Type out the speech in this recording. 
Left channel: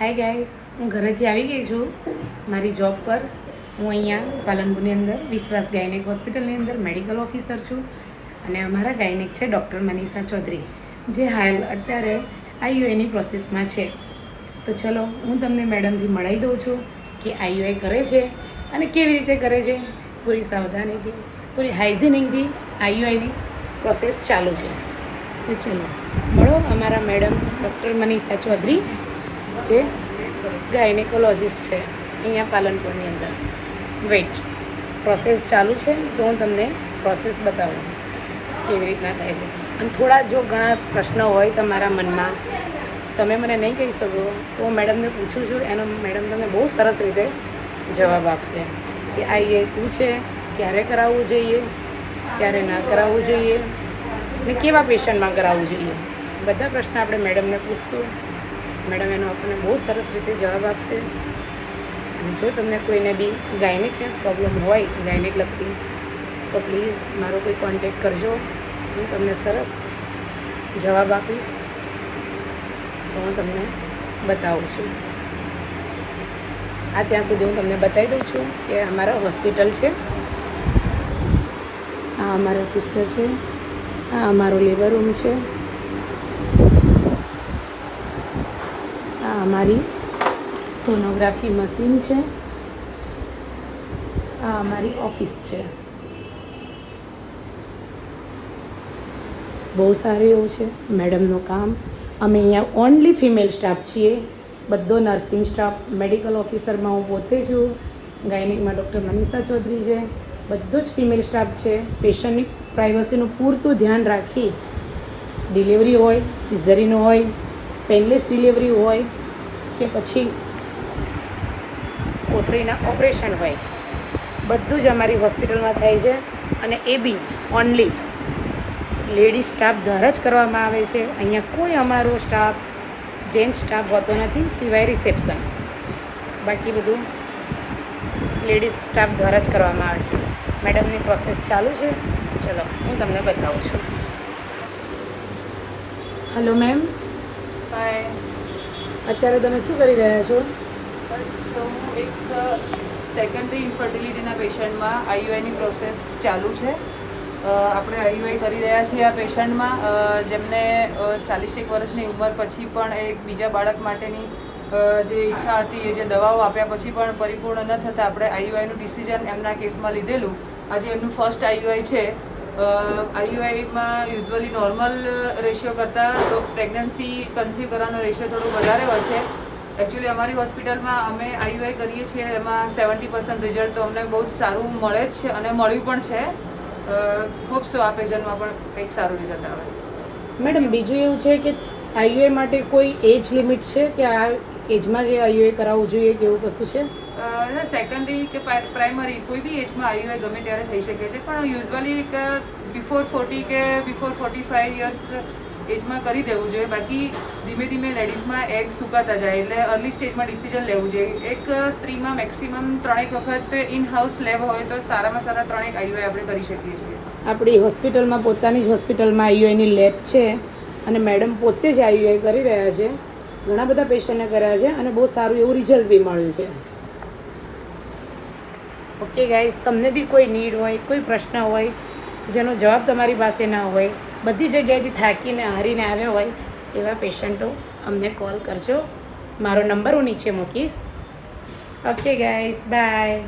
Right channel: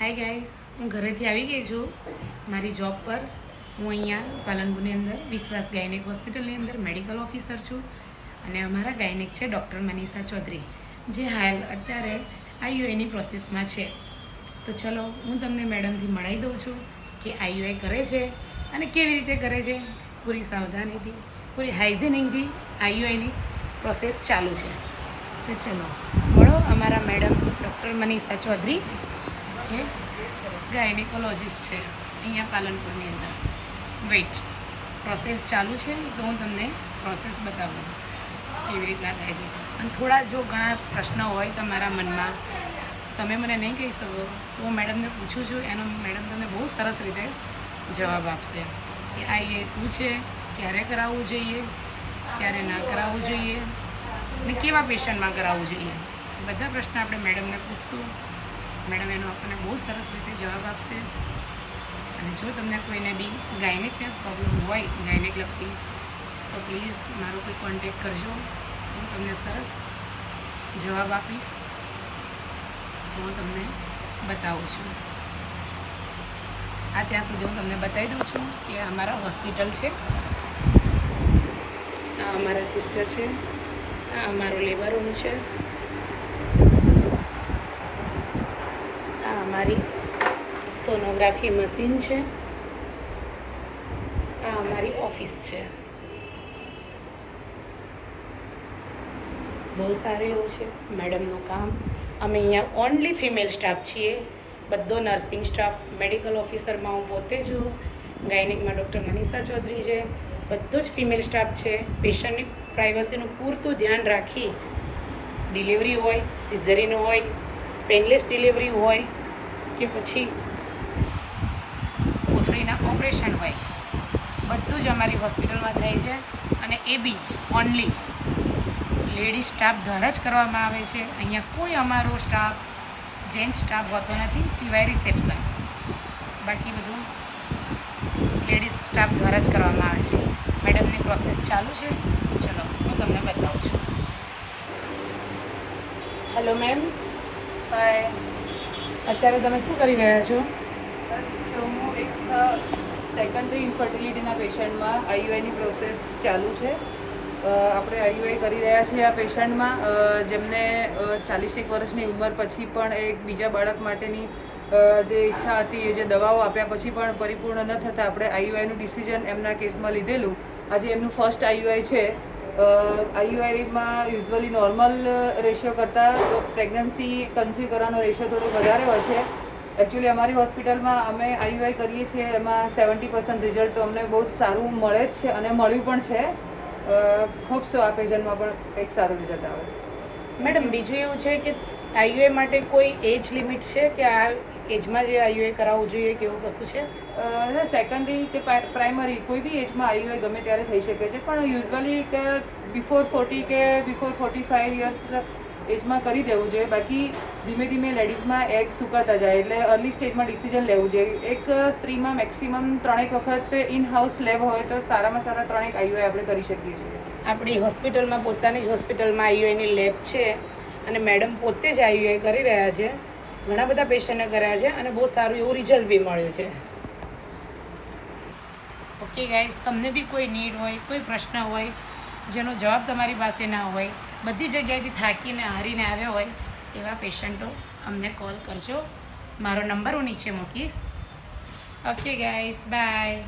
Hi guys, હું ઘરેથી આવી ગઈ છું મારી જોબ પર. હું અહીંયા પાલનપુરની અંદર વિશ્વાસ ગાયનેક હોસ્પિટલની અંદર મેડિકલ ઓફિસર છું અને અમારા ગાયનેક છે ડૉક્ટર મનીષા ચૌધરી, જે હાલ અત્યારે આઈયુઆઈની પ્રોસેસમાં છે. તો ચલો હું તમને મેડમથી મળાવી દઉં છું કે આઈયુઆઈ કરે છે અને કેવી રીતે કરે છે. પૂરી સાવધાનીથી, પૂરી હાઇઝિનિકથી આઈયુઆઈની પ્રોસેસ ચાલુ છે. તો ચલો મળો અમારા મેડમ ડૉક્ટર મનીષા ચૌધરી, જે ગાયનેકોલોજીસ્ટ છે અહીંયા પાલનપુરની અંદર. વેઇટ, પ્રોસેસ ચાલુ છે તો હું તમને પ્રોસેસ બતાવું કેવી રીતના થાય છે. અને થોડા જો ઘણા પ્રશ્નો હોય તમારા મનમાં, તમે મને નહીં કહી શકો તો હું મેડમને પૂછું છું, એનો મેડમ તમને બહુ સરસ રીતે જવાબ આપશે કે આઈયુઆઈ શું છે, ક્યારે કરાવવું જોઈએ, ક્યારે ના કરાવવું જોઈએ ને કેવા પેશન્ટમાં કરાવવું જોઈએ. બધા પ્રશ્ન આપણે મેડમને પૂછશું. મેડમ એનો આપણને બહુ સરસ રીતે જવાબ આપશે. અને જો તમને કોઈને બી ગાયનેકને પ્રોબ્લેમ હોય, ગાયનેક લગતી, તો પ્લીઝ મારો કોઈ કોન્ટેક કરજો. હું તમને સરસ જવાબ આપીશ. તો હું તમને બતાવું છું. આ ત્યાં સુધી હું તમને બતાવી દઉં છું કે અમારા હોસ્પિટલ છે, આ અમારા સિસ્ટર છે, આ અમારો લેબર રૂમ છે, અમારી સોનોગ્રાફી મશીન છે, આ અમારી ઓફિસ છે. બહુ સારું એવું છે મેડમનું કામ. અમે અહીંયા ઓનલી ફિમેલ સ્ટાફ છીએ, બધો નર્સિંગ સ્ટાફ. મેડિકલ ઓફિસરમાં હું પોતે છું, ગાયનેકમાં ડૉક્ટર મનીષા ચૌધરી છે, બધો જ ફિમેલ સ્ટાફ છે. પેશન્ટની પ્રાઇવસીનું પૂરતું ધ્યાન રાખી, ડિલિવરી હોય, સિઝરીન હોય, પેનલેસ ડિલિવરી હોય કે પછી કોથળીના ઓપરેશન હોય, બધું જ અમારી હોસ્પિટલમાં થાય છે. અને એ બી ઓનલી લેડીઝ સ્ટાફ દ્વારા જ કરવામાં આવે છે. અહીંયા કોઈ અમારો સ્ટાફ જેન્ટ્સ સ્ટાફ હોતો નથી, સિવાય રિસેપ્શન. બાકી બધું લેડીઝ સ્ટાફ દ્વારા જ કરવામાં આવે છે. મેડમની પ્રોસેસ ચાલુ છે, ચલો હું તમને બતાવું છું. Hello ma'am. હાય. અત્યારે તમે શું કરી રહ્યા છો? બસ હું એક સેકન્ડરી ઇન્ફર્ટિલિટીના પેશન્ટમાં આઈયુઆઈની પ્રોસેસ ચાલુ છે. આપણે આઈયુઆઈ કરી રહ્યા છીએ આ પેશન્ટમાં, જેમને 40 વર્ષની ઉંમર પછી પણ એક બીજા બાળક માટેની જે ઈચ્છા હતી, એ જે દવાઓ આપ્યા પછી પણ પરિપૂર્ણ ન થતાં આપણે આઈયુઆઈનું ડિસિઝન એમના કેસમાં લીધેલું. આજે એમનું ફર્સ્ટ આઈયુઆઈ છે. આઈયુઆઈમાં યુઝ્યુઅલી નોર્મલ રેશિયો કરતાં પ્રેગ્નન્સી કન્સીવ કરવાનો રેશિયો થોડો વધારે હોય છે. એકચ્યુઅલી અમારી હોસ્પિટલમાં અમે આઈયુઆઈ કરીએ છીએ એમાં 70% રિઝલ્ટ તો અમને બહુ જ સારું મળે જ છે અને મળ્યું પણ છે. હોપ સો આ પેશન્ટમાં પણ કંઈક સારું રિઝલ્ટ આવે. મેડમ બીજું એવું છે કે આઈયુઆઈ માટે કોઈ એજ લિમિટ છે કે આ એજમાં જે આઈયુઆઈ કરાવવું જોઈએ કે એવું કશું છે? સેકન્ડરી કે પ્રાઇમરી કોઈ બી એજમાં આઈયુઆઈ ગમે ત્યારે થઈ શકે છે, પણ યુઝ્યુઅલી કે બિફોર 40 કે બિફોર 45 યર્સ એજમાં કરી દેવું જોઈએ. બાકી ધીમે ધીમે લેડીઝમાં એગ સુકાતા જાય એટલે અર્લી સ્ટેજમાં ડિસિઝન લેવું જોઈએ. એક સ્ત્રીમાં મેક્સિમમ 3 વખત ઇન હાઉસ લેબ હોય તો સારામાં સારા 3 આઈયુઆઈ આપણે કરી શકીએ છીએ. આપણી હોસ્પિટલમાં, પોતાની જ હોસ્પિટલમાં આઈયુઆઈની લેબ છે અને મેડમ પોતે જ આઈયુઆઈ કરી રહ્યા છે. ઘણા બધા પેશન્ટને કર્યા છે અને બહુ સારું એવું રિઝલ્ટ બી મળ્યું છે. ઓકે ગાઈસ, તમને બી કોઈ નીડ હોય, કોઈ પ્રશ્ન હોય જેનો જવાબ તમારી પાસે ના હોય, બધી જગ્યાએથી થાકીને હારીને આવ્યા હોય એવા પેશન્ટો અમને કોલ કરજો. મારો નંબર હું નીચે મૂકીશ. Okay guys, by.